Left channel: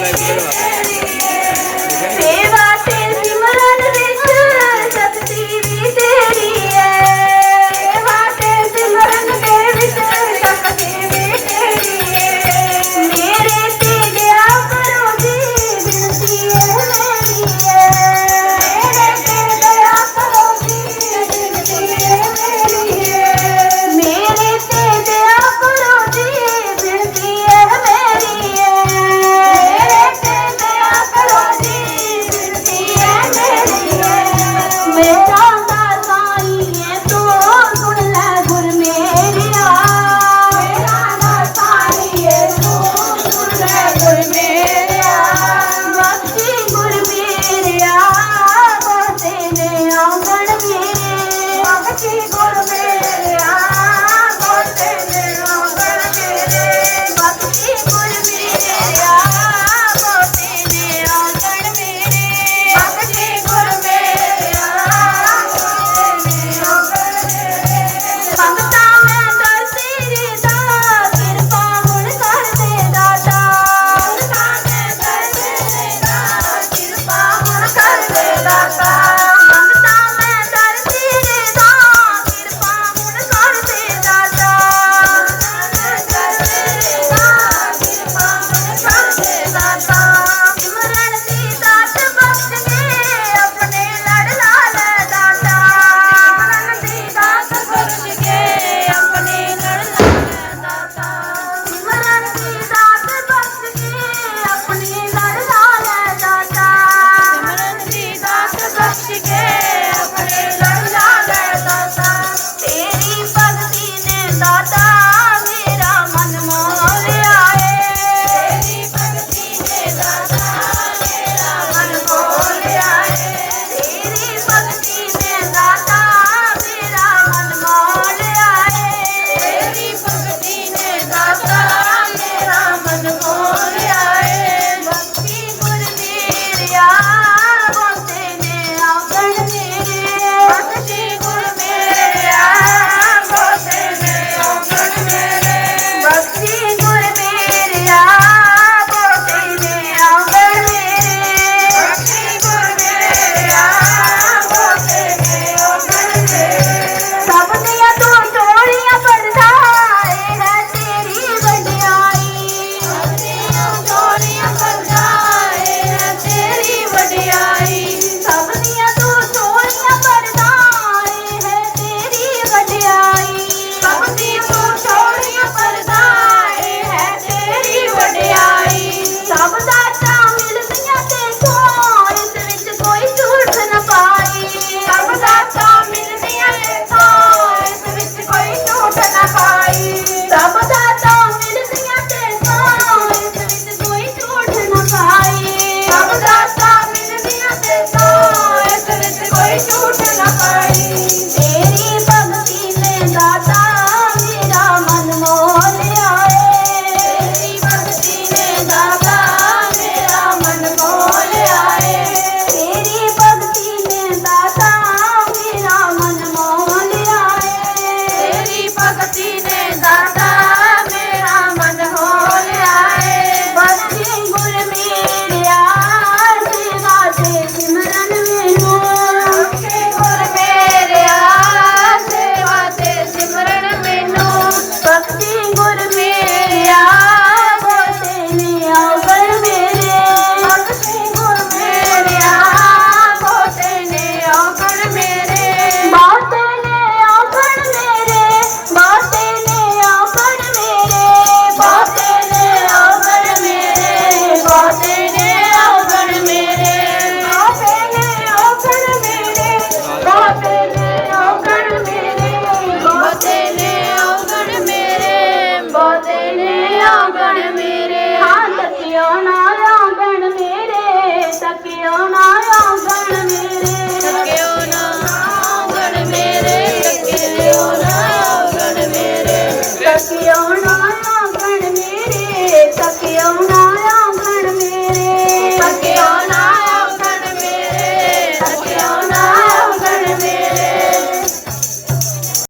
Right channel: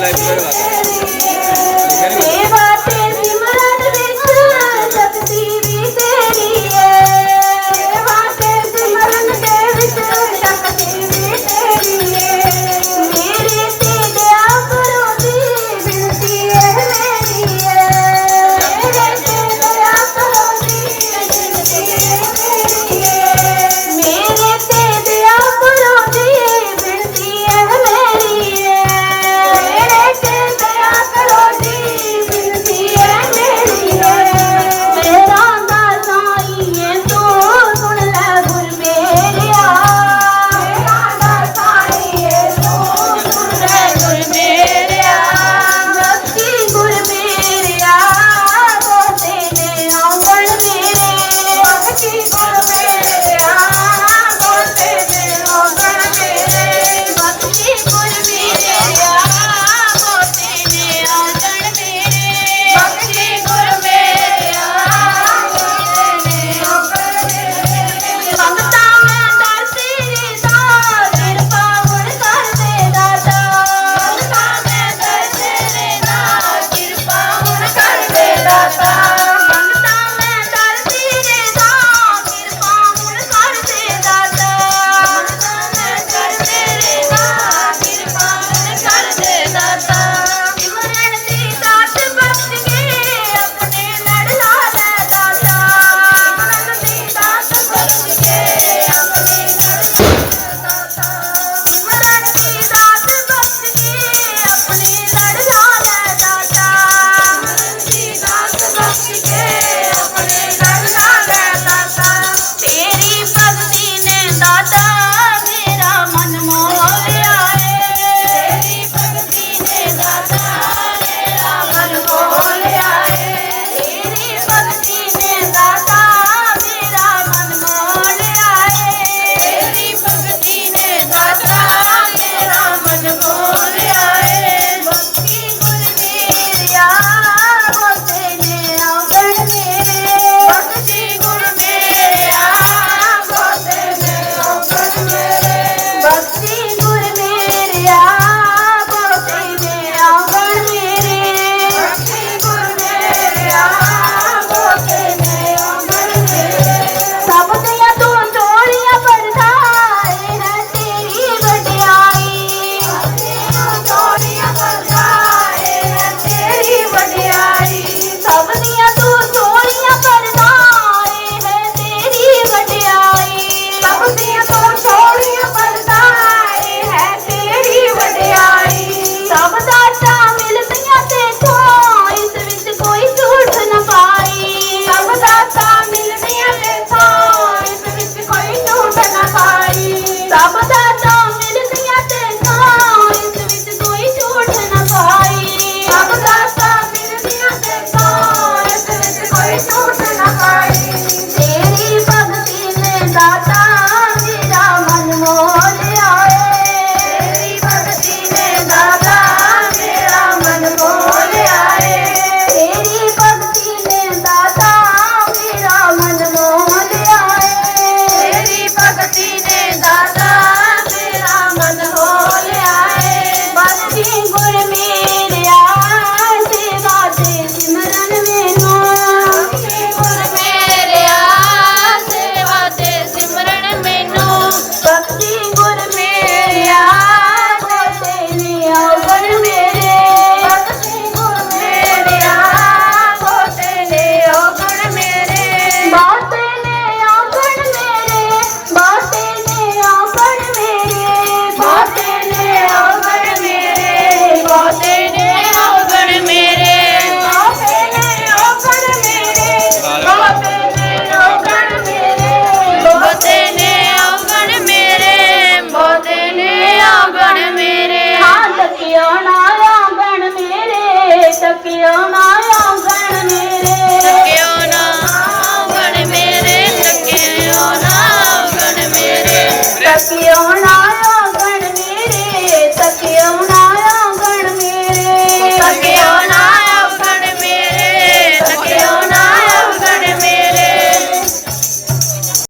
life